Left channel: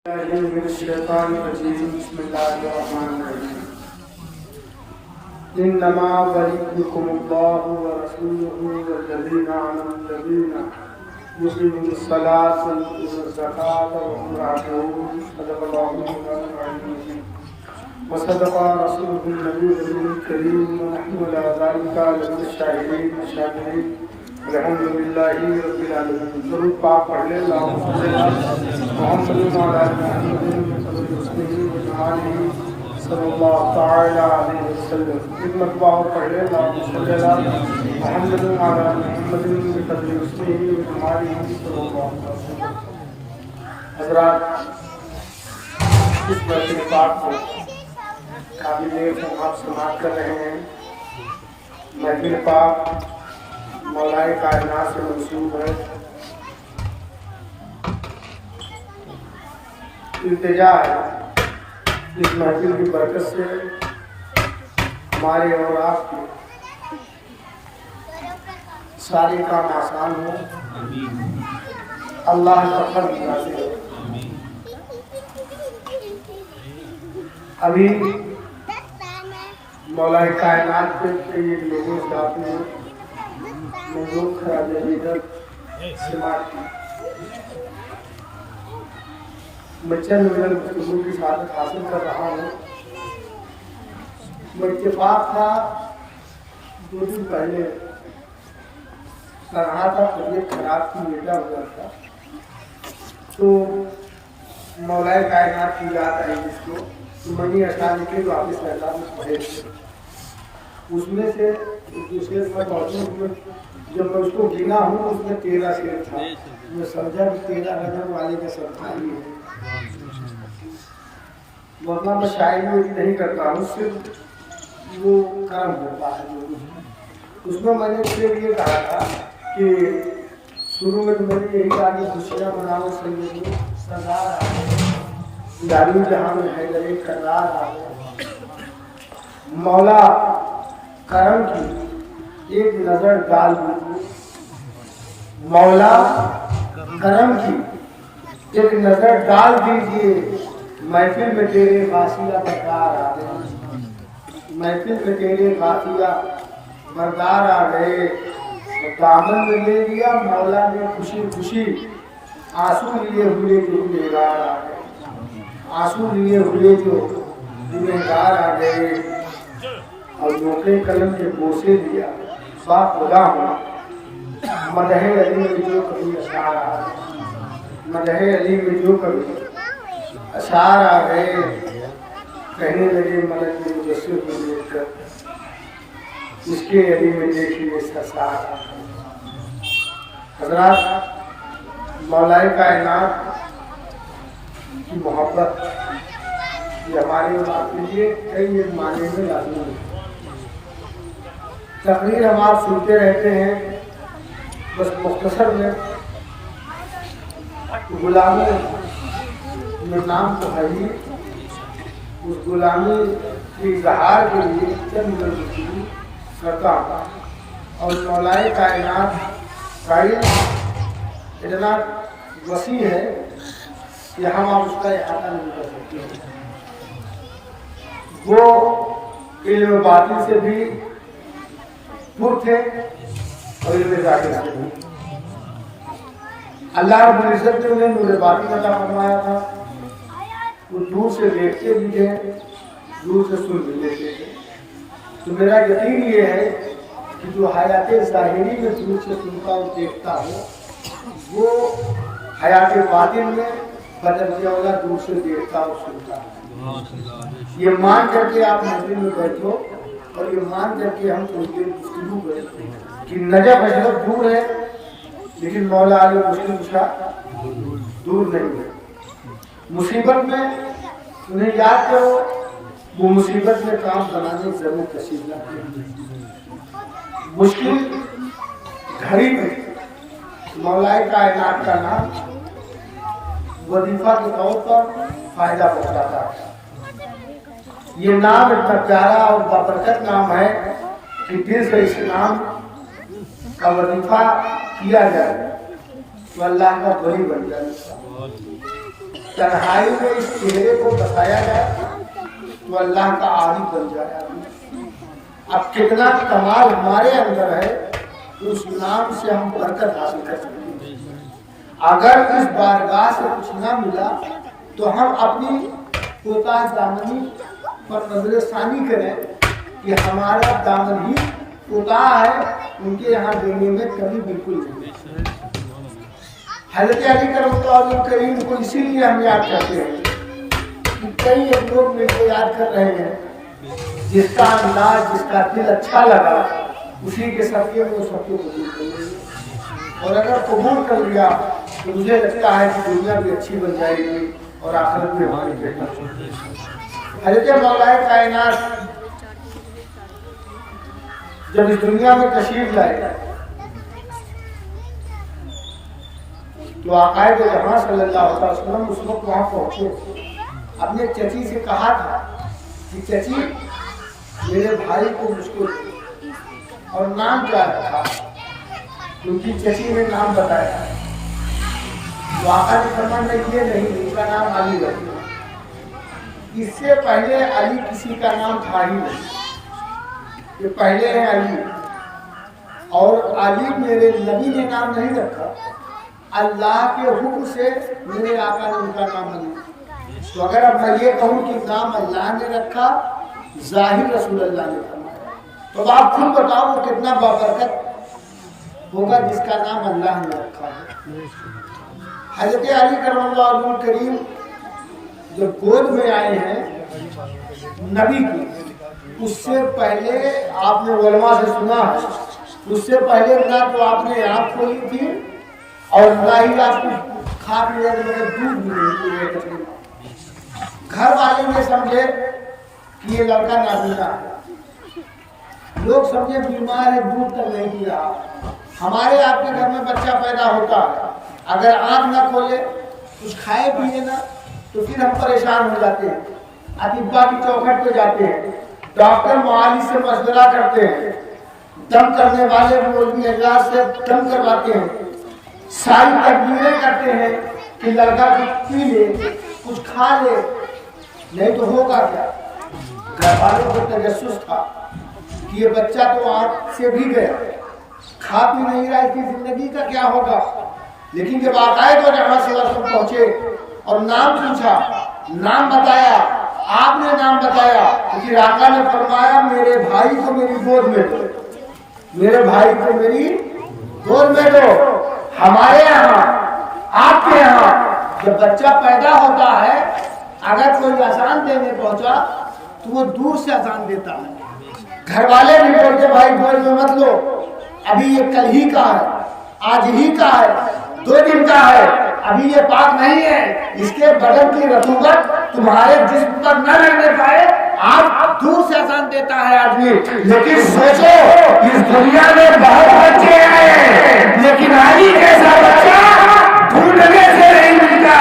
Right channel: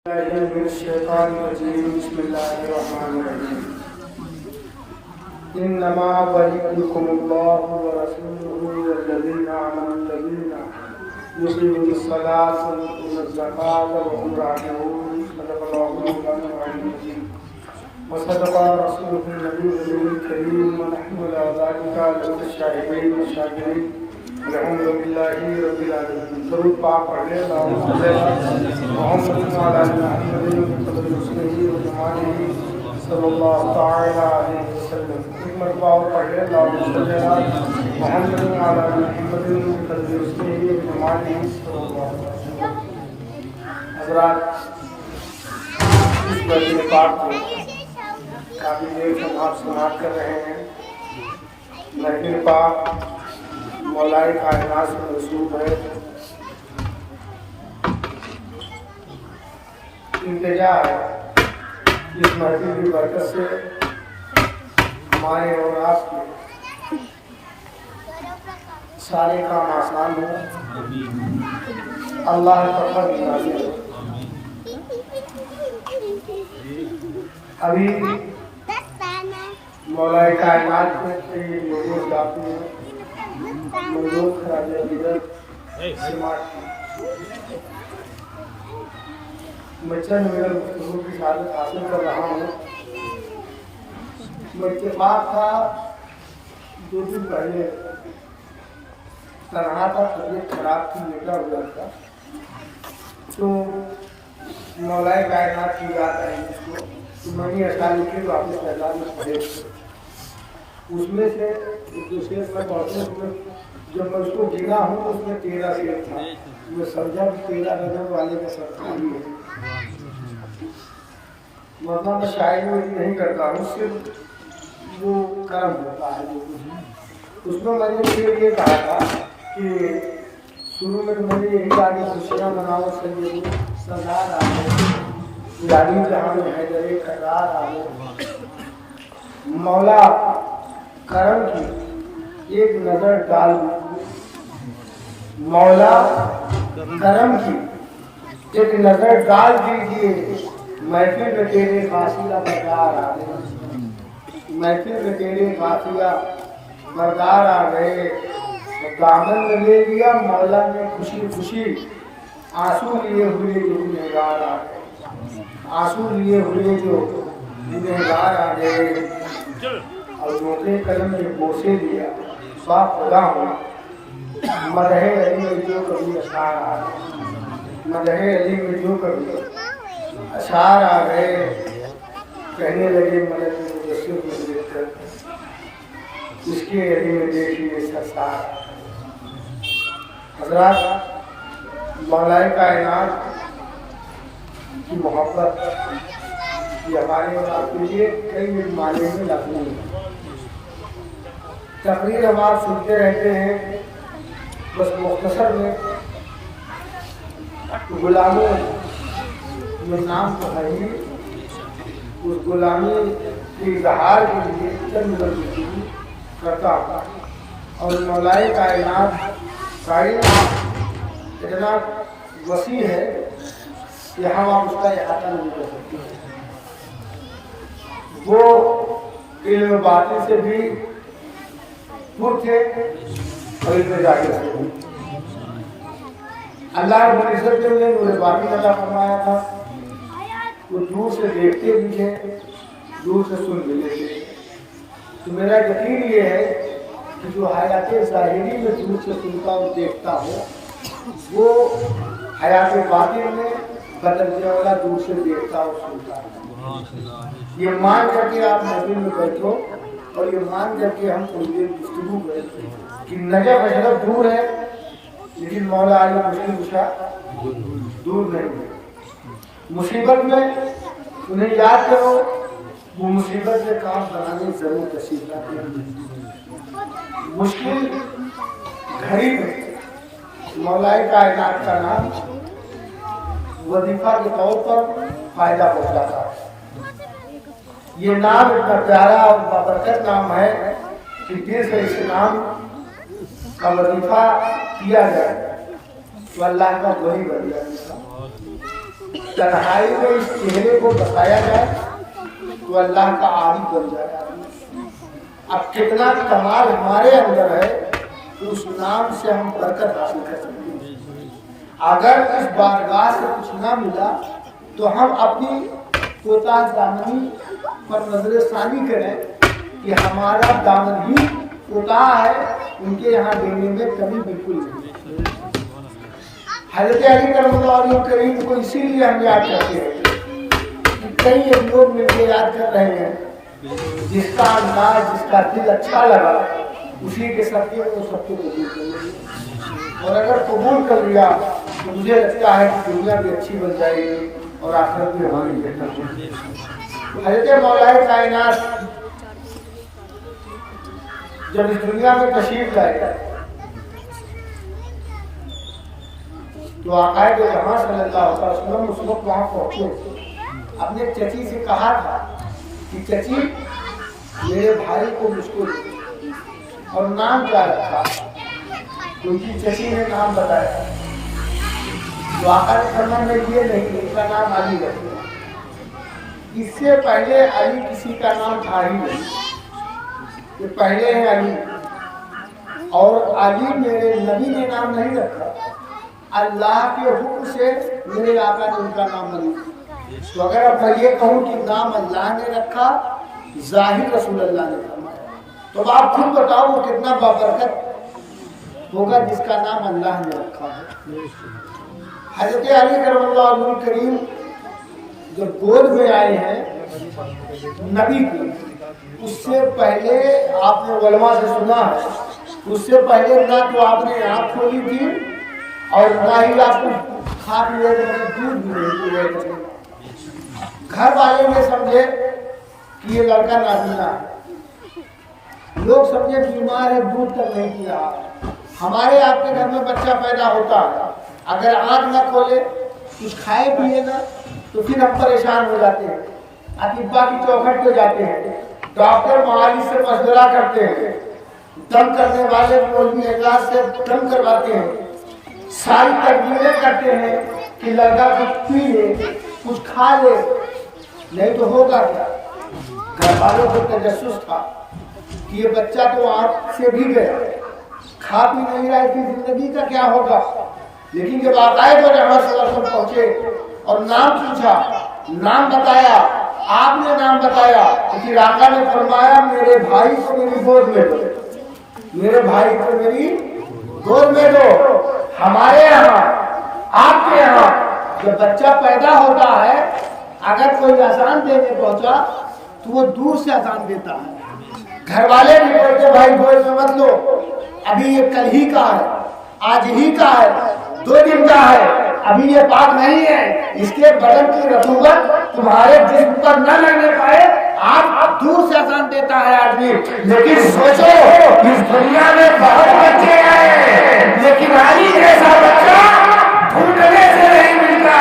من الشيطان الرجيم بسم الله الرحمن الرحيم إنما وليكم الله ورسوله والذين آمنوا الذين يقيمون الصلاة ويؤتون الزكاة وهم راكعون صدق الله مولانا العظيم وصدق رسوله النبي الكريم ونحن على ذلك لمن الشاهدين والشاكرين الحمد لله رب العالمين ضرور پاک پڑھ لیں اللهم صل على محمد وعلى آل محمد صلی اللہ تعالی علیہ وسلم ایک مرتبہ پڑھ لیں اللهم صل على محمد وعلى آل محمد حضرات اس مجلس پاک کو کافی دیر سے آپ سماعت کر رہے ہیں محفل پاک مولائے کائنات سے منسوب ہے التجا ہے اس محفل کی برکت سے ہمارے اور آپ کے سارے کام آسان ہوں اللہ کا فضل نازل ہو ابھی مولائے کائنات کے یہ لوگوں جاتے ہیں موضوع خراج عقیدت سماعت کی میں چند منٹ گفتگو کی سعادت حاصل کر رہا ہوں میں اتفاق تھا 2 دن پہلے طرح کا طبیعت خراب کی بیٹا گزرا تھا تو مولائے کائنات کی یاد آئی اس کو تو میں نے اشعار لکھے واپس تعداد میں پڑھے اس میں سے جو شعر میں پڑھوں جب میں اس کو گنا ہوں اس میں 13 شعر تھا میں سمجھا کہ 13 رجب والے کا صدقہ ہی ہے ورنہ میں شاعری نہیں کرتا ہوں صرف وہ کرم ہوتا ہے جو کچھ اس میں میں نے شعر یہ کہا تھا کہ شروع میں میں نے یہی کہا کہ خوشیاں مناؤ سید سردار آ گئے یاری جہاں میں حیدر کرار آ گئے مولا کرم کی ایک نظر ڈال دیجیے مولا کرم کی ایک نظر ڈال دیجیے محفل میں تیرے غافلہ بردار آ گئے محفل میں تیرے غافلہ بردار آ گئے دامن میں لے لیا مولا نے خوشی خوشی آنسو لیے ہوئے جو گنہگار آ گئے آنسو لیے ہوئے جو گنہگار آ گئے اور موقع قلم کے بوسے لیا با خدا ہوں مدح علی میں جو کبھی اشعار آ گئے مدح علی میں جو کبھی اشعار آ گئے کہنے لگے ملک مجسم کو دیکھ کر اس کے علی میں دیکھیے سرسار حضرات مولائے کائنات کی محبت یہ ہمارے کے لیے کئی معنی میں لازمی ہے تقریر ہم آپ سنتے رہتے ہیں بس مختصر میں غلامی میں نام تو ہے ہی اس غلامی کے اظہار کے لیے چند گفتگو کرتا ہوں اور مولائے کائنات فائل اتنا وسیع ہے کہ ہم آپ اس کا احاطہ نہیں کر سکتے وہ علم باطن سے بھی پر تھے اور علم ظاہر سے بھی اللہ رب العزت نے انہیں نور باطن عطا فرمایا تھا وہ دور سے دیکھتے بھی تھے دور سے سن بھی لیتے تھے تو میرا یقین یہ ہے کہ جو حیات ظاہری میں دور سے سنتا اور دیکھتا ہو وہ حیات باطن میں بدرجہ والا دور سے دیکھتا اور سنتا ہے یہ مان کر کے آپ مسجد میں بیٹھو اور یہ مان کر کے ہم تھوڑی دیر گفتگو کریں کہ نجف اشرف دور ہے لیکن مولا علی مشکل کشا دور نہیں ہے مصیبت میں انہیں یاد کرو وہ مصیبت میں کام بنانے ضرور تشریف لاتے ہیں مشکل گھڑی میں مولائے کائنات کا نام وظیفہ کے طور پر فائدہ پہنچاتا ہے یہ نام اتنا پیارا اور بابرکت نام ہے کہ دل سے اس نام کا وظیفہ کیا جائے تو اللہ کا ولی بن جائے تنہائی میں اس چہرے کو بسایا جائے تو اللہ کا عارف بن جائے آدمی۔ اب کتنا کمال ہمارے اندر ہے کہ اس نام سے ہم برکت حاصل کر سکتے ہیں۔ اگر اس بارگاہ سے کچھ نہ ملا تو ہم اپنی کوتاہ دامنی پر نظر ثانی کریں کہ ہمارا دامن ہی کوتاہ ہے، ان کے یہاں دینے میں کمی بالکل نہیں۔ حضرت علی کرم اللہ کریم کو اسی لیے ہم یاد کرتے ہیں کہ کئی ایک لوگ مل کے یاد کر رہے ہیں، جس کا انداز جس کا دل اچھا لگا اسی کے صدقے میں وہ سب کو قبول کر لیں، اور اگر قبول کر لیا تو مجھے لگتا ہے کہ دنیا بھی اچھی بن جائے گی اور آخرت بھی ہماری بہتر ہوگی۔ حضرت مولا کائنات جب اس دنیا میں تشریف لائے تو آقا دو جہاں صلی اللہ علیہ وسلم اس وقت وہاں پہنچے، اپنے چچی سے کہا تھا کہ چچی میرے بھائی کو مجھ کو دے، اور نام کیا رکھا؟ کیونکہ چچی نے نام بتایا تو آقا نے فرمایا یہ نہیں، ان کا نام علی رکھا۔ اس سے پہلے علی کسی کا نام تھا ہی نہیں، یہ پہلے ہے علی، اور علی میرے نبی نے نام نہیں رکھا، اللہ کے حکم سے میرے آقا نے ان کا نام علی۔ تو اگر اب میں یہ کہوں کہ نام اللہ نے رکھا، ظاہر رسول اللہ نے فرمایا، تو آپ خود بتاؤ وہ کتنا بابرکت ہوگا جس کا نام اللہ نے رکھا ہے۔ حضرت علی کرم اللہ وجہ کریم جب گود میں آئے ہیں نبی کی، اس سے پہلے آپ نے علماء سے سنا ہے، اس سے پہلے نہ تو آپ نے آنکھ کھولی تھی اور نہ ہی آپ کو کھا پی رہے تھے، مطلب دودھ بھی نہیں پی رہے تھے۔ گھر والے نے سمجھے کہ یہ لڑکا نابینا ہے، لوگ سمجھے بیمار ہے، دودھ تک نہیں پی رہا۔ ہمارے آپ کے گھر میں بچہ پیدا ہوتا ہے، اگر آنکھ نہ کھولے کچھ کھائے پیے نا تو پھر ہم پریشان ہو جاتے ہیں، اطباء کی چوکھٹ پہ جاتے ہیں، ڈاکٹر معالج سے مشورہ کرتے ہیں، دم کرنے والے مولوی اعجاز سے دم کرواتے ہیں، ساری تدبیریں کرتے ہیں کہ لڑکا کچھ پی لے کچھ کھا لے، نہیں تو ہوگا کیا؟ گھر والوں کو تجسس تھا کہ یہ بچہ تو آنکھ سے بھی گیا، کھا پی نہیں رہا، اس کی زندگی کا کیا ہوگا؟ لیکن جب آقا دو جہاں صلی اللہ علیہ وسلم پہنچے اور نام پوچھا، نام بتایا، آپ نے نام بتایا، تو پھر آقا نے فرمایا میرے بھائی کو میری گود میں دو، میرے بھائی کو میری گود میں دو۔ ہمارے یہاں آپ کے یہاں جب بچہ پیدا ہوتا ہے، اگر کوئی اذان دینے پہنچا تو وہ دور سے اذان دیتا ہے، گھر والے بھی بولتے بھائی گود میں مت لو، ابھی یہ کل ہی کا ہے، آج ہی کا ہے، 2 دن کا ہے، ابھی یہ پاک نہیں ہے، اس کے بدن کی رطوبت تمہارے جسم پر نہ رہنے پائے، آپ دور سے اذان دیتا ہے آدمی۔ لیکن سوچو اس دنیا میں بہت بچے آئے لیکن علی جیسا بچہ ڈھونڈنے سے نہیں ملتا۔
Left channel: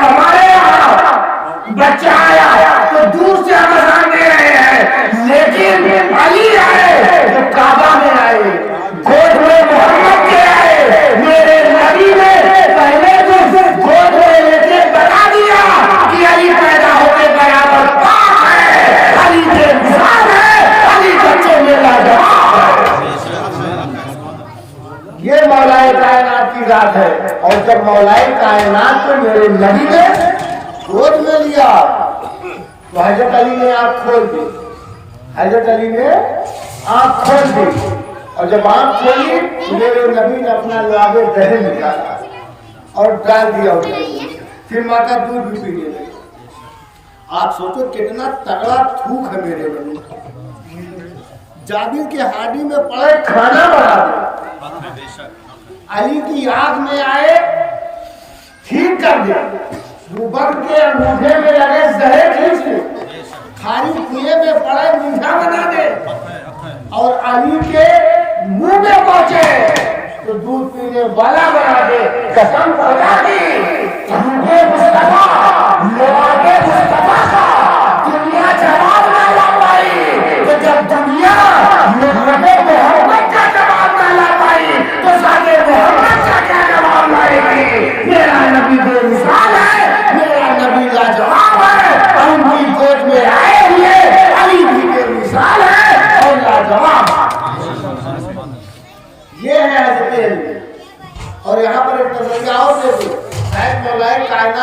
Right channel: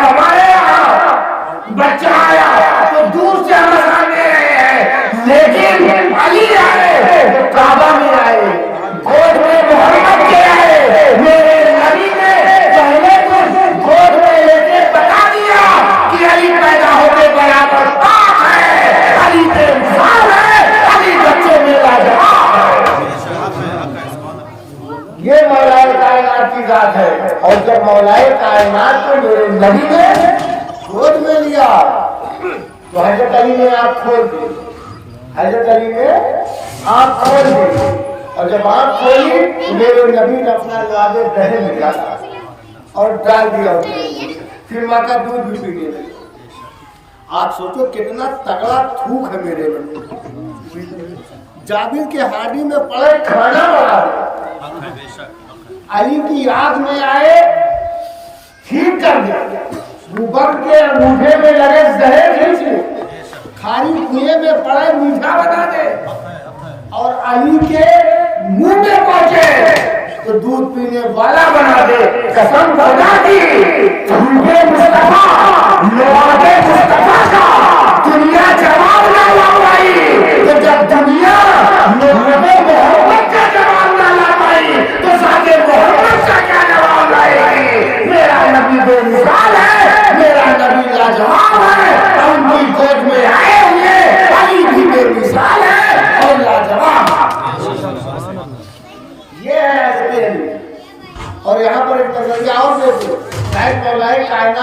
ہمارے یہاں بچہ آیا تو دور سے ہم اذان دے رہے ہیں، لیکن علی آئے وہ کعبہ میں آئے، گود میں محمد کے آئے، میرے نبی نے پہلے تو گود میں لے کے بتا دیا کہ علی پیدا ہوتے برابر پاک ہے، علی کے مثال ہے، علی بچوں میں لاجواب ہے۔ یہ مولا کائنات کی ذات ہے، اور جب مولا کائنات کو میرے نبی نے گود میں لیا تو حضرت علی نے آنکھ کھول دی، حضرت علی نے آنکھ کھول دی، اور جب آنکھ کھولی تو میرے نبی نے اپنا لعاب دہن لیا اور ڈال دیا اسے، پھر ماں کا دودھ بھی پینے لگے۔ آپ سوچو کتنا تگڑا تھوک ہے میرے نبی، جابر کے ہاڈی میں پڑے کھانا بنا دیا، علی کی آنکھ میں آئے ٹھیک کر دیا، ابوبکر کے انگوٹھے میں لگے زہر کھینچ لے، کھاری کنویں میں پڑے میٹھا بنا دے، اور علی کے منہ میں پہنچے تو دودھ پینے والا بنا دے۔ قسم خدا کی جھوٹے مصطفیٰ لعاب مصطفیٰ کا دنیا جواب نہ لا پائی، تو جب دنیا لعاب محمد کا جواب نہ لا پائی تو ذات محمد کا کیا جواب لائے گی؟ میرا نبی بے مثال ہے،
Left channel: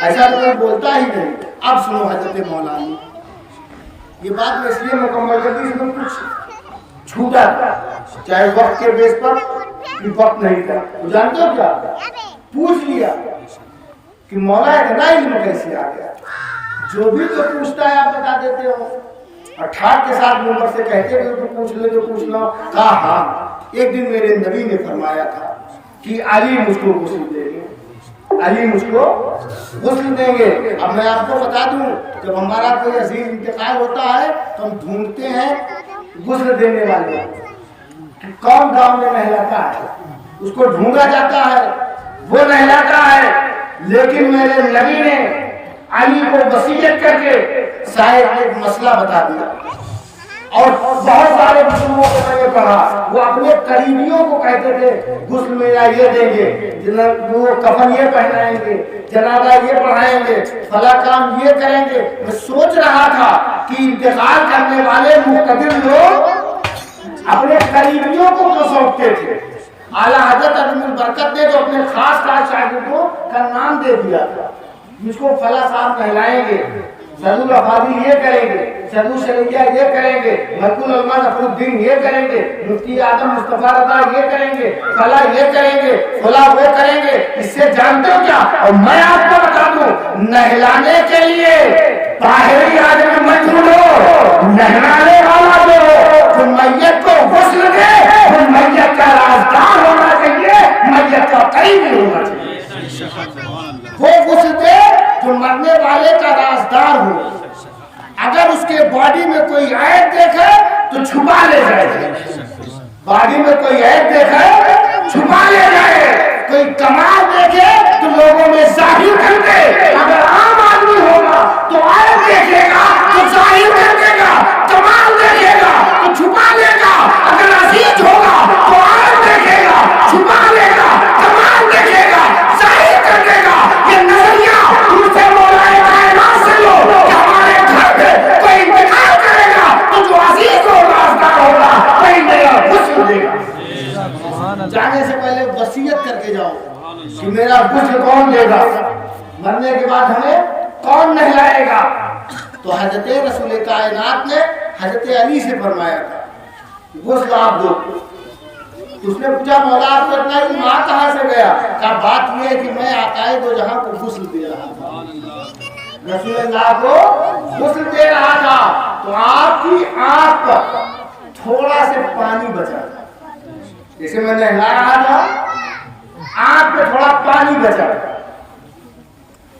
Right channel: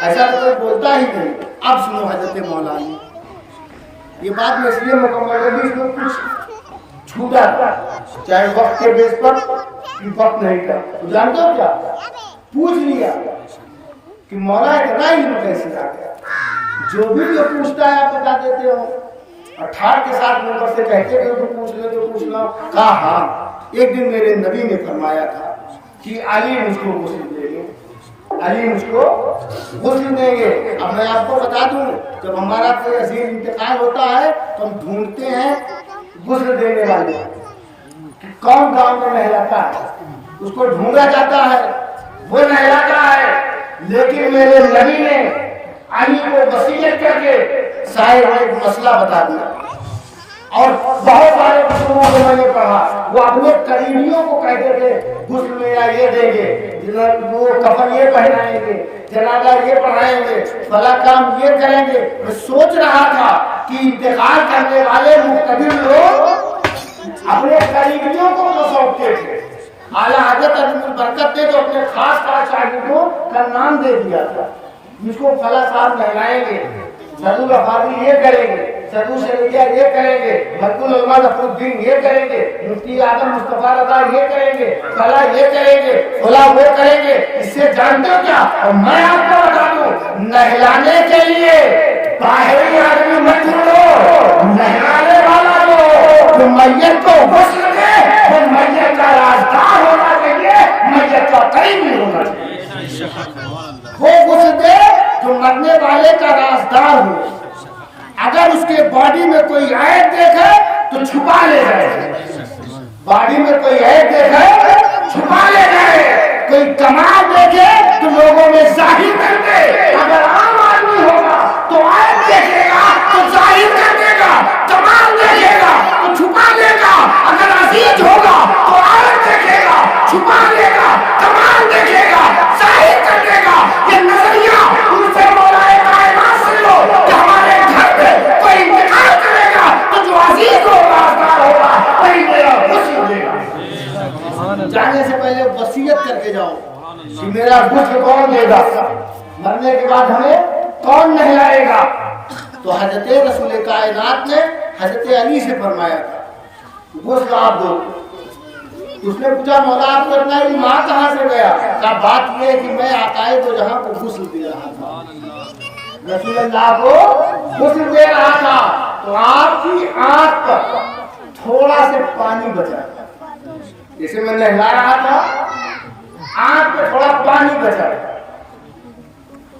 ایسا تو کوئی بولتا ہی نہیں. اب سنو حضرت مولانا، یہ بات میں اس لیے مکمل کر دی، اس میں کچھ چھوٹا تھا، چاہے وقت کے بیس پر کہ وقت نہیں تھا. تو جانتے ہو کیا پوچھ لیا کہ مولا اتنا علم کیسے آ گیا؟ جو بھی تو پوچھتا ہے آپ بتا دیتے ہو، اور ٹھاٹ کے ساتھ نمبر سے کہتے کہ تو پوچھ لے تو پوچھ لو. کہا ہاں. ایک دن میرے نبی نے فرمایا تھا کہ علی مجھ کو غسل دیں گے، علی مجھ کو غسل دیں گے. اب میں آپ کو بتا دوں، جب ہمارا کوئی عظیم انتقال ہوتا ہے تو ہم ڈھونڈتے ہیں غسل دینے والے، کون گاؤں میں نہلاتا ہے، اس کو ڈھونڈا جاتا ہے، وہ نہلاتا ہے. لیکن میرے نبی نے علی کو وصیت کر کے صاحب ایک مسئلہ بتا دیا، اور بہت سارے مسئلوں کو میں نے پڑھا. وہ اپنے قریبیوں کو کہتے تھے غسل میں یہ دیں گے، وہ کفن یہ پہنائیں گے، جنازہ یہ پڑھائیں گے، فلاں کام یہ کریں گے. میں سوچ رہا تھا کہ انتقال کرنے والے مقتدر لوگ اپنے قریبیوں کو سونپتے تھے. اعلیٰ حضرت عظیم البرکت نے تو اپنے خاص شاگردوں کا نام دے دیا تھا، مجھ کو فلاں صاحب کہلائیں گے، سعدو الفاضل یہ کریں گے، سعدو شریعہ یہ کریں گے، مرکز العلماء ظفر الدین یہ کریں گے، مفتی اعظم مصطفیٰ رضا یہ کریں گے، فلاں یہ کریں گے، فلاں وہ کریں گے. اس سے جانتے ہو کیا؟ اور میں آپ کو بتا دوں، نہلانے کے لیے باہری آدمی مت ڈھونڈو، نہلانے والا جو میت کو غسل دے وہ میت کا رازدار ہونا چاہیے، میت کا قریبی ہونا چاہیے. وہ غسل دے جو مرنے والے کا رازدار ہو. اگر اس کے باڈی میں کوئی عیب دیکھے تو چھپا لے جائے، باڈی میں کوئی عیب دیکھے چھپا لے جائے، کوئی کمال دیکھے تو لوگوں میں ظاہر کر دے. اگر عام آدمی ہوگا تو عیب دیکھے گا تو ظاہر کر دے گا، کمال دیکھے گا تو چھپا لے گا. اگر عزیز ہوگا تو عیب دیکھے گا، چھپا لے گا، کمال دیکھے گا، ظاہر کر دے گا. یہ نظریہ ان سے مولا کائنات سے لو کہ ہمارے گھر میں کوئی انتقال کرے گا تو جو عزیز و رازدار ہوگا وہی میرا غسل دے گا. جانے سے پہلے وصیت کر کے جاؤ کہ میرا غسل کون دے گا، مرنے کے بعد ہمیں کون نہلائے گا. تو حضرت رسول کائنات نے حضرت علی سے فرمایا تھا غسل آپ دو. اس نے پوچھا مولا آپ کو اتنا علم کہاں سے گیا؟ کہا بات یہ ہے کہ میں آقائے دو جہاں کو غسل دے رہا تھا، رسول اللہ کو غسل دے رہا تھا. تو آپ کی آنکھ پر تھوڑا سے پانی بچا، جیسے میں نہلا رہا تھا آنکھ پہ تھوڑا پانی بچا،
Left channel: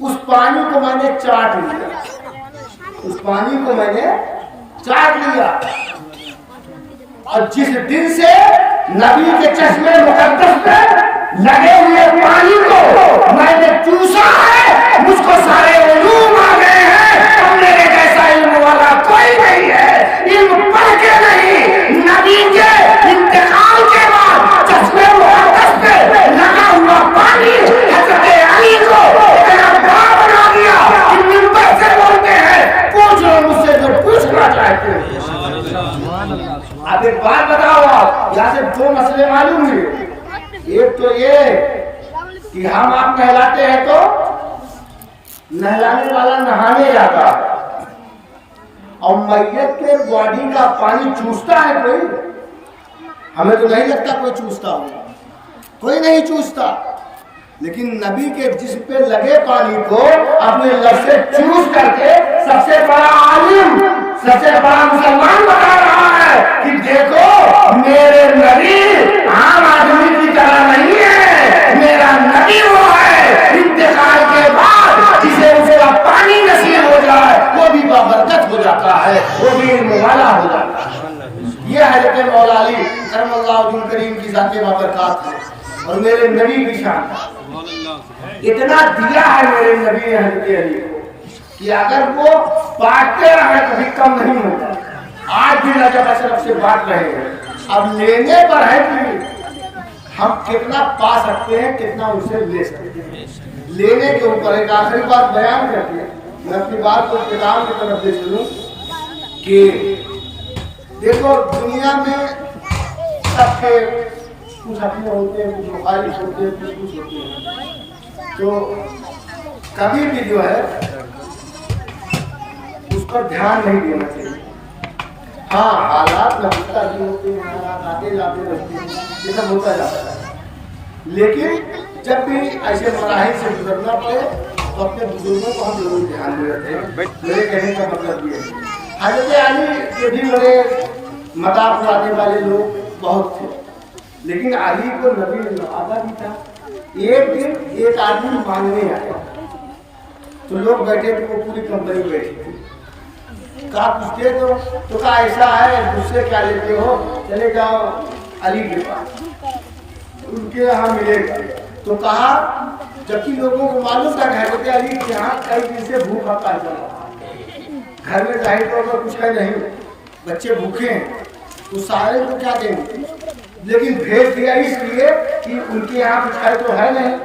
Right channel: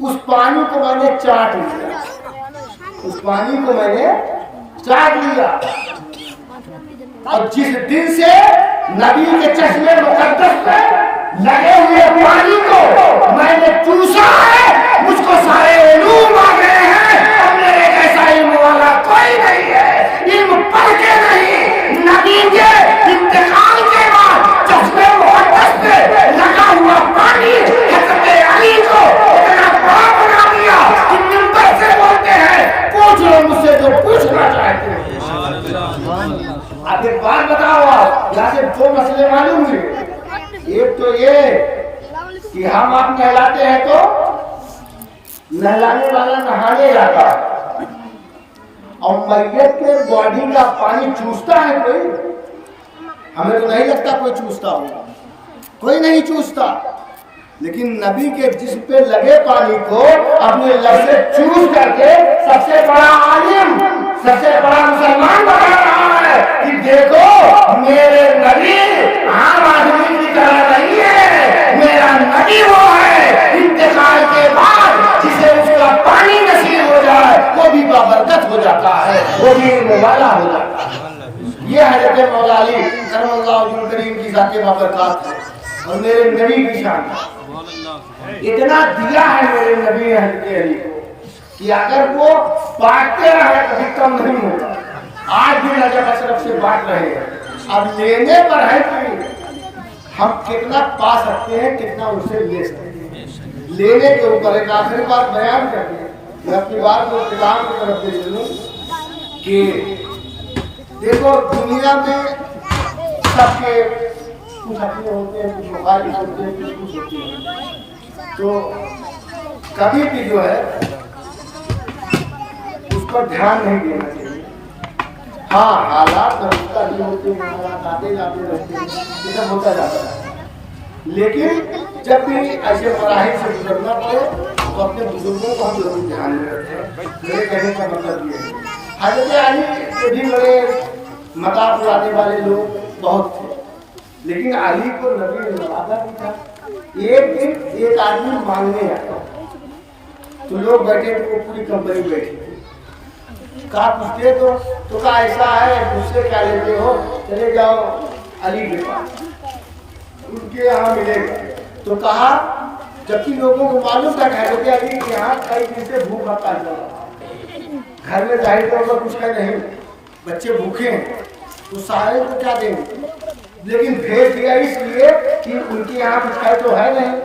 اس پانی کو میں نے چاٹ لیا، اس پانی کو میں نے چاٹ لیا. اور جس دن سے نبی کے چشمے مقدس پہ لگے ہوئے پانی کو میں نے چوسا ہے، مجھ کو سارے علوم آ گئے ہیں. اب میرے جیسا علم والا کوئی نہیں ہے. علم پڑھ کے نہیں، نبی کے انتقال کے بعد چشمے مقدس پہ لگا ہوا پانی حضرت علی کو اتنا بڑا بنا دیا کہ منبر سے بولتے ہیں پوچھ لو مجھ سے جو پوچھنا چاہتے ہیں. اب ایک بات بتاؤ، آپ یہاں سے دو مسئلے معلوم ہوئے. ایک تو یہ کہ ہم آپ نہلاتے ہیں تو نہلانے والا نہانے جاتا ہے، اور میت کے باڈی کا پانی چوستا ہے کوئی؟ ہمیں تو نہیں لگتا کوئی چوستا ہوگا، کوئی نہیں چوستا. لیکن نبی کے جسم پہ لگے پانی کو اپنے لب سے چوس کر کے سب سے بڑا عالم، سب سے بڑا مسلمان بتا رہا ہے کہ دیکھو میرے نبی عام آدمی کی طرح نہیں ہے، میرا نبی وہ ہے انتقال کے بعد جسے اس کا پانی نصیب ہو جائے وہ بھی بابرکت ہو جاتا ہے، وہ بھی علم والا ہو جاتا ہے. یہ حضرت مولا علی کرم اللہ وجہ کریم کی ذات بابرکات ہے اور میرے نبی کی شان ہے. اتنا دیا ہے میرے نبی نے حضرت علی کو کہ اگر وہ بانٹتے رہے کبھی کم نہیں ہوتا. آج بھی نجف اشرف سے بانٹ رہے ہیں. اب لینے پر ہے کہ ہم کتنا پا سکتے ہیں، کتنا ان سے لے سکتے ہیں. لینے کے اوپر ایک آخری بات بیان کرتے ہیں، میں اپنی بات کو اختتام کی طرف دے چلوں کہ دیکھو دنیا میں سب کے کچھ اپنے ہوتے ہیں، کچھ مخالف ہوتے ہیں، کچھ ہوتے ہیں. تو کبھی بھی جو ہے اس پر دھیان نہیں دینا چاہیے. ہاں حالات نبتا بھی ہوتے ہیں, حالات آتے جاتے رہتے ہیں, یہ سب ہوتا جاتا ہے, لیکن جب بھی ایسے مراحل سے گزرنا پڑے تو اپنے بزرگوں کو ہم ضرور دھیان میں رکھیں. میرے کہنے کا مطلب یہ ہے حضرت علی کے بھی بڑے مذاق اڑانے والے لوگ بہت تھے, لیکن علی کو نبی نے وعدہ بھی تھا. ایک دن ایک آدمی مانگنے آیا تو لوگ بیٹھے تھے, وہ پوری کمپنی بیٹھی تھی. کہا کچھ دے دو, تو کہا ایسا ہے مجھ سے کیا لیتے ہو, چلے جاؤ علی کے پاس, ان کے یہاں ملے گا. تو کہا جبکہ لوگوں کو معلوم تھا کہ حضرت علی کے یہاں کئی دن سے بھوک ہڑتال چل رہا ہے, گھر میں ظاہر طور پر کچھ ہے نہیں, بچے بھوکے ہیں, تو سارے کو کیا دیں گے, لیکن بھیج دیا اس لیے کہ ان کے یہاں کچھ ہے تو ہے نہیں,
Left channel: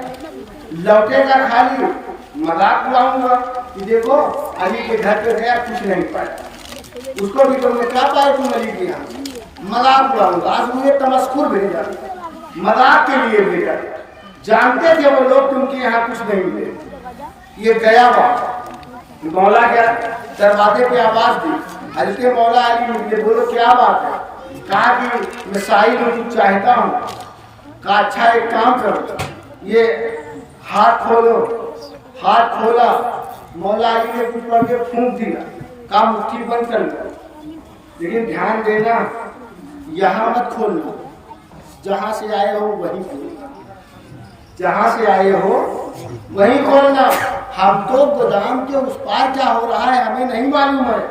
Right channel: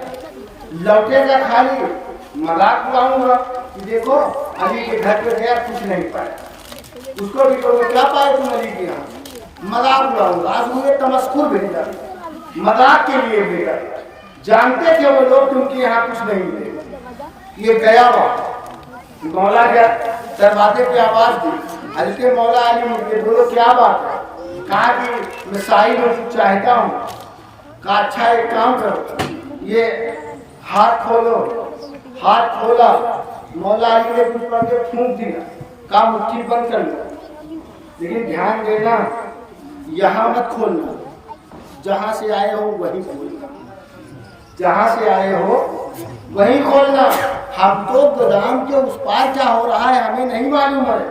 لوٹے گا خالی, مذاق اڑاؤں گا کہ دیکھو علی کے گھر پہ گیا کچھ نہیں پایا, اس کو بھی کہوں گا کیا پائے تم علی کے یہاں, مذاق اڑاؤں گا. آج مجھے تمسخر بھیجا, مذاق کے لیے بھیجا, جانتے تھے وہ لوگ کہ ان کے یہاں کچھ نہیں ملے. یہ گیا مولا کیا دروازے پہ آواز دی, حضرت مولا علی مجھے بولو کیا بات ہے. کہا کہ میں سائل ہوں, کچھ چاہتا ہوں. کہا اچھا ایک کام کرو, یہ ہاتھ کھولو. ہاتھ کھولا, مولا علی نے کچھ پڑھ کے پھونک دیا. کہا مٹھی بند کر لو, لیکن دھیان دینا یہاں مت کھولنا, جہاں سے آئے ہو وہی کھولنا, جہاں سے آئے ہو وہی کھولنا. ہم تو گودام کے اس پار کیا ہو رہا ہے ہمیں نہیں معلوم ہے,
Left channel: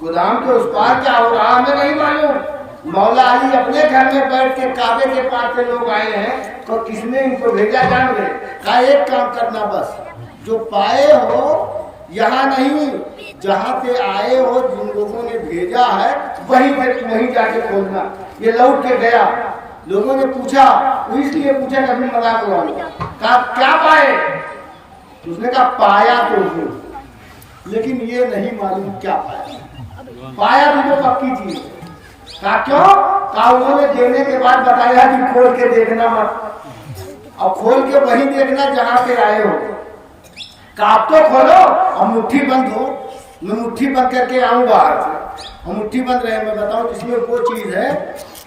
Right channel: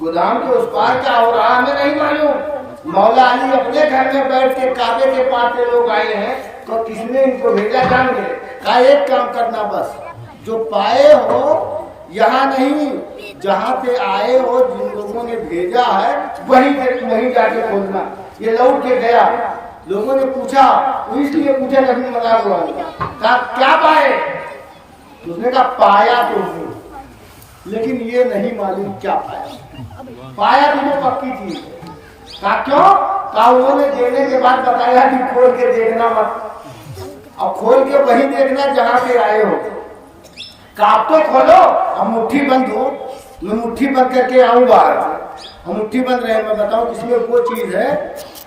گودام کے اس پار کیا ہو رہا ہے ہمیں نہیں معلوم. مولا علی اپنے گھر میں بیٹھ کے کعبے کے پاس سے لوگ آئے ہیں, تو کس نے ان کو بھیجا جان گے. کہا ایک کام کرنا, بس جو پائے ہو یہاں نہیں, جہاں پہ آئے ہو جن لوگوں نے بھیجا ہے وہیں جا کے کھولنا. یہ لوٹ کے گیا, لوگوں نے پوچھا, اس لیے پوچھا نبی مذاق اڑایا. کہا کیا پائے, اس نے کہا پایا تو ہوں, لیکن یہ نہیں معلوم کیا پایا. پایا تو جو پکی چیز. کہا کیوں, کہا انہوں نے دینے کے بعد بتایا کہ کھول کے دیکھنا مت, اور کھول کے وہی دیکھنا جہاں سے آئے ہو. کہا اب تو کھولو, اب مٹھی بند ہو, میں مٹھی بند کر کے آؤں گا. اور مٹھی بند رہے, میں بتاؤں اس میں وہ چیز ہے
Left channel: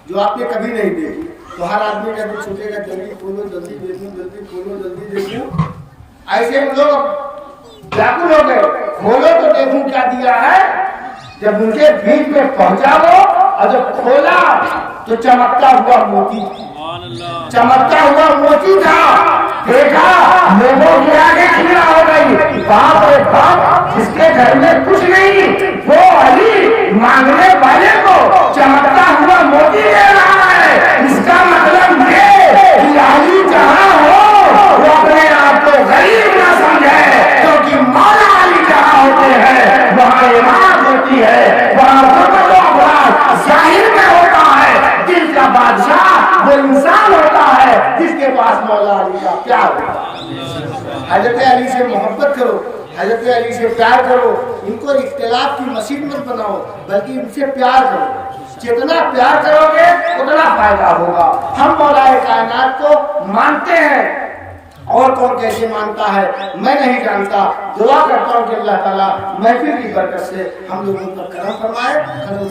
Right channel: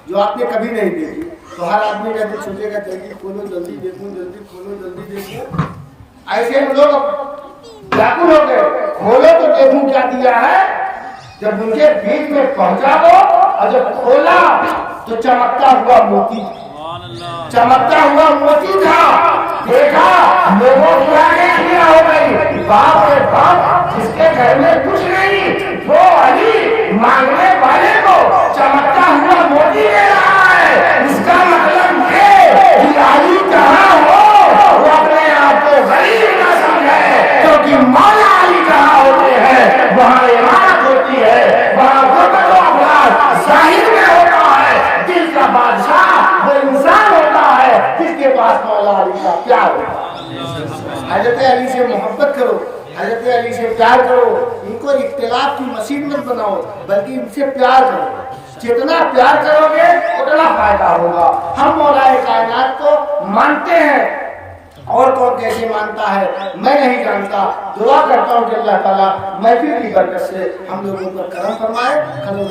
جو آپ نے کبھی نہیں دیکھی. تو ہر آدمی کا دل سوچے گا جلدی کھولو, جلدی دیکھوں, جلدی کھولو, جلدی دیکھوں. ایسے میں لوگ بیکل ہو گئے, کھولو تو دیکھوں کیا دیا ہے. جب ان کے بیچ میں پہنچا وہ, اور جب کھولا تو چمکتا ہوا موتی, چمکتا ہوا موتی تھا. دیکھا لوگوں کی آنکھیں کھلی ہو گئی, باپ رے باپ, جس کے گھر میں کچھ نہیں وہ علی مانگنے والے کو چمکتا ہوا موتی دے رہا ہے. اس کا مطلب یہ کہ علی جہاں ہو وہ اپنے آپ کو غریب نہ سمجھے, کیونکہ مولا علی جہاں ہوتے ہیں وہاں عمارت ہوتی ہے, وہاں غربت و افراد ظاہر میں ہوتا ہے. دل کا بادشاہ وہ انسان ہوتا ہے جس کے پاس مولا علی کا پیار ہوتا ہے. حضرت علی سے محبت کرو, حضرت علی سے پیار کرو, ان کو اختلاف کی مسیح مت بناؤ, بلکہ ان سے پیار کرو. جتنا پیار کرو گے اتنا فائدہ ہوگا. ہم مولا کائنات کو مانتے ہیں, اور کون کیسے مانتا ہے میں نہیں جانتا. دعا کرتا ہوں کہ اللہ تعالیٰ محفل کی برکت سے ہم لوگوں پر کرم فرمائے. کلوں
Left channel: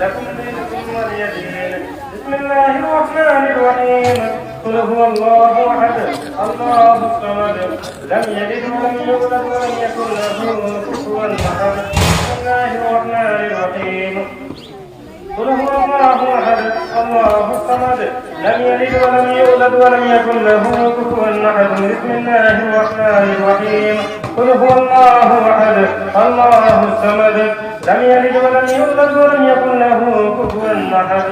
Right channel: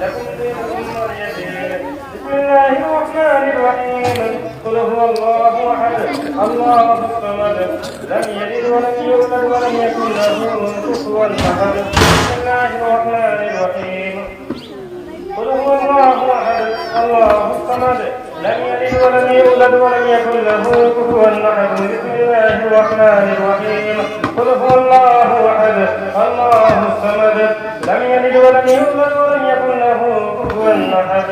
لكم دينكم ولي دين. بسم الله الرحمن الرحيم. قل هو الله احد الله الصمد لم يلد ولم يولد ولم يكن له كفوا احد. بسم الله الرحمن الرحيم. قل هو الله احد الله الصمد لم يلد ولم يولد ولم يكن له كفوا احد. بسم الله الرحمن الرحيم. قل هو الله احد الله الصمد لم يلد ولم يولد ولم يكن له كفوا احد.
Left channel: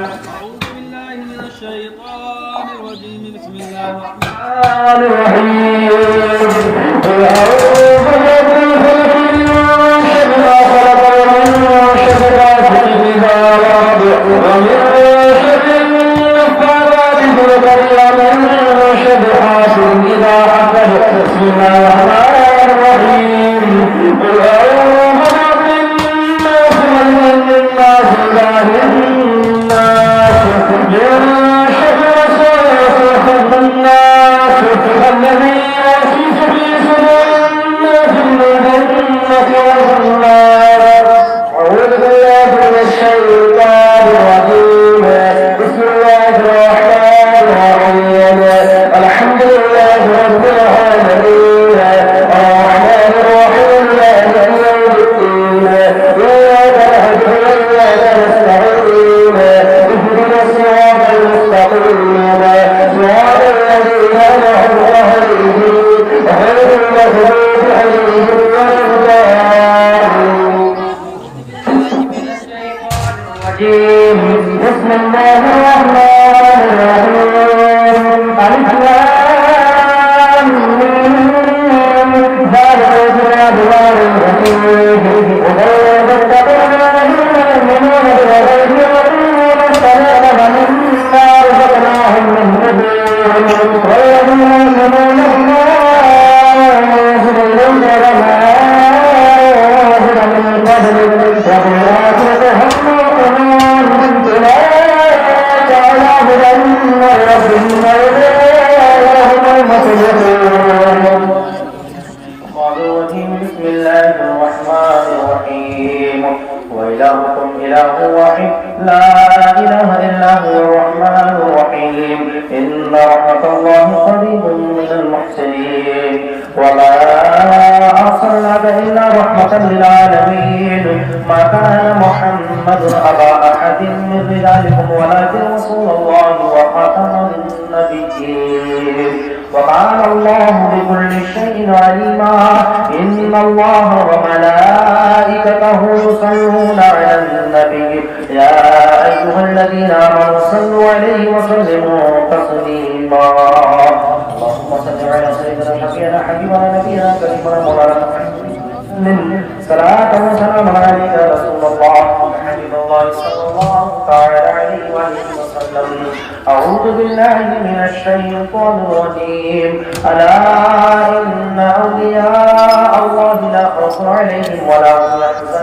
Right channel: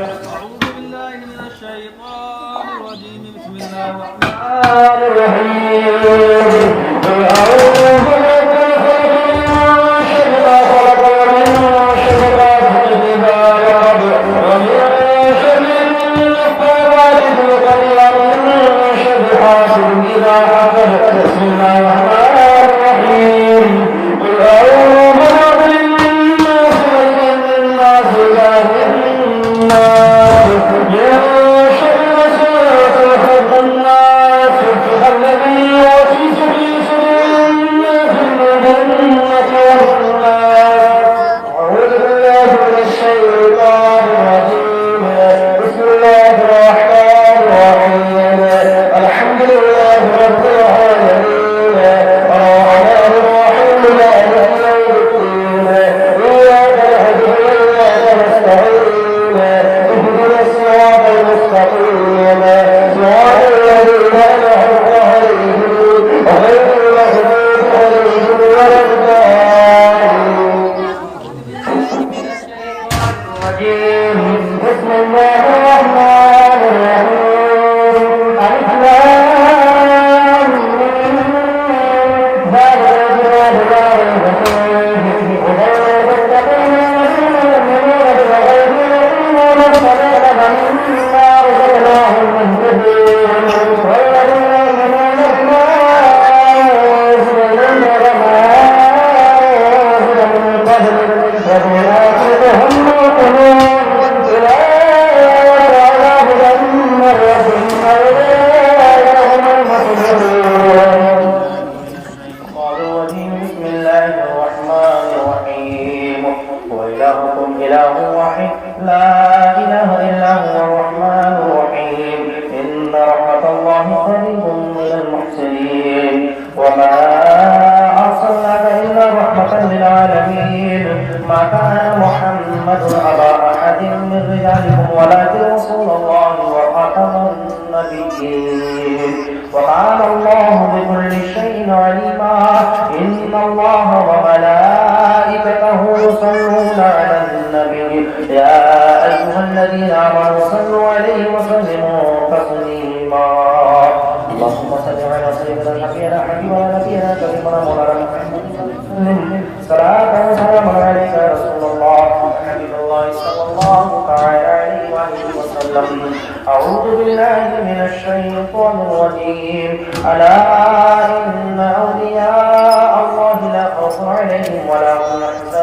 أعوذ بالله من الشيطان الرجيم. بسم الله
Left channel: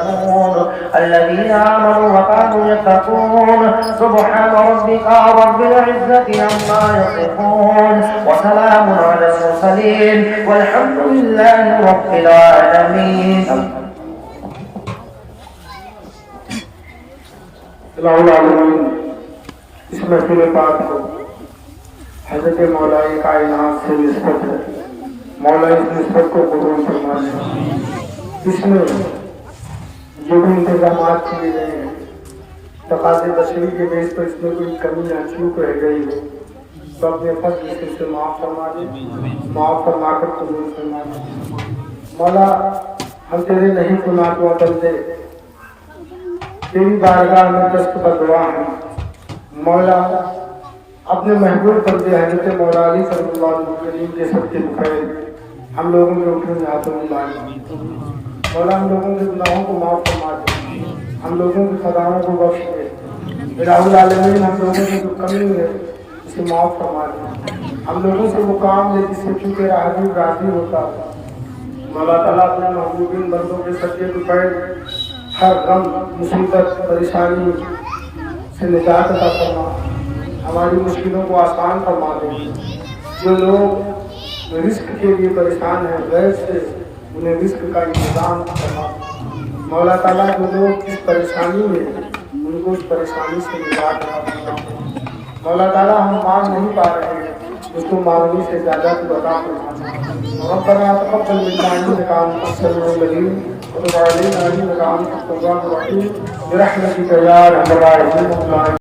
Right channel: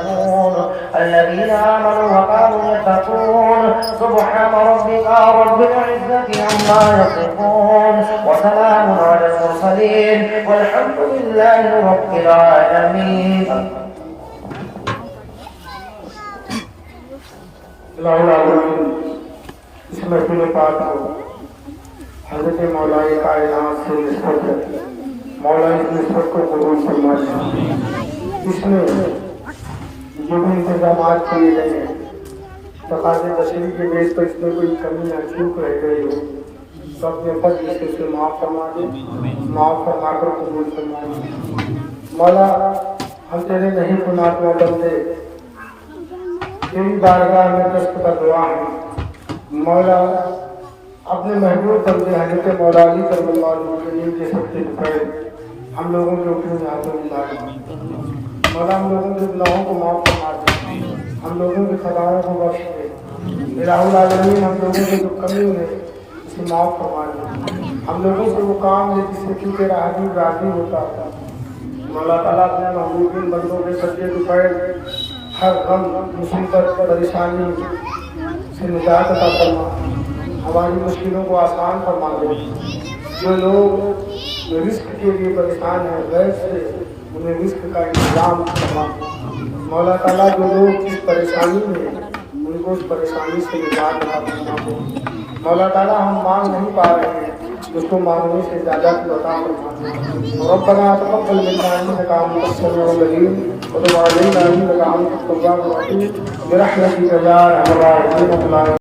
الرحمن اس محفل پاک حضرت مولا کائنات سے نسبت ہے. مولا اس نسبت کو قبول فرمائے. اس میں جو بھی انتظامات کیے گئے ہیں تقاضے بشری کے بیس پر اس میں کوئی کمی یا چوک رہ گئی ہو تو اپنے فضل سے اسے معاف فرما دے, معاف فرما کر قبول فرما دے. مولا ہم تیرے نہیں گناہوں بندے تیری بارگاہ میں دست پر دعا ہے. مولا اپنے محبوب بندے حضرت مولا علی صلی اللہ علیہ وسلم کے سب کے خیر ہم لوگوں کے اپنے ہاتھوں میں لائے. مولا ہم لوگوں کے گناہوں کو معاف فرما دے, ہم لوگوں کی خطاؤں کو بخش دے. الہ العالمین ہم لوگوں سے جو کمی ہے اسے معاف فرما دے. ہم لوگوں سے وہ کام ہے جس سے تو تیرا حبیب راضی ہوتا. مولا تعالیٰ اپنے محبوبین بندوں کے سچے دکھائے ہر غم مصیبت پریشانی سے نجات عطا فرما. ہماری مشکلوں کو آسان فرما دے. جو لوگ رزق کے لیے پریشان ہیں غیر سے انہیں رزق کا انتظام فرما. مولا تعالیٰ جو لوگ اس پریشانی میں ان کو اس پریشانی سے نجات عطا فرما. مولا تعالیٰ ہم مانگ نہیں پا رہے ہیں اس کو مانگنے سے زیادہ تو عطا فرما. ربنا تقبل منا انك انت السميع العليم وتب علينا انك انت التواب الرحيم برحمتك يا ارحم الراحمين.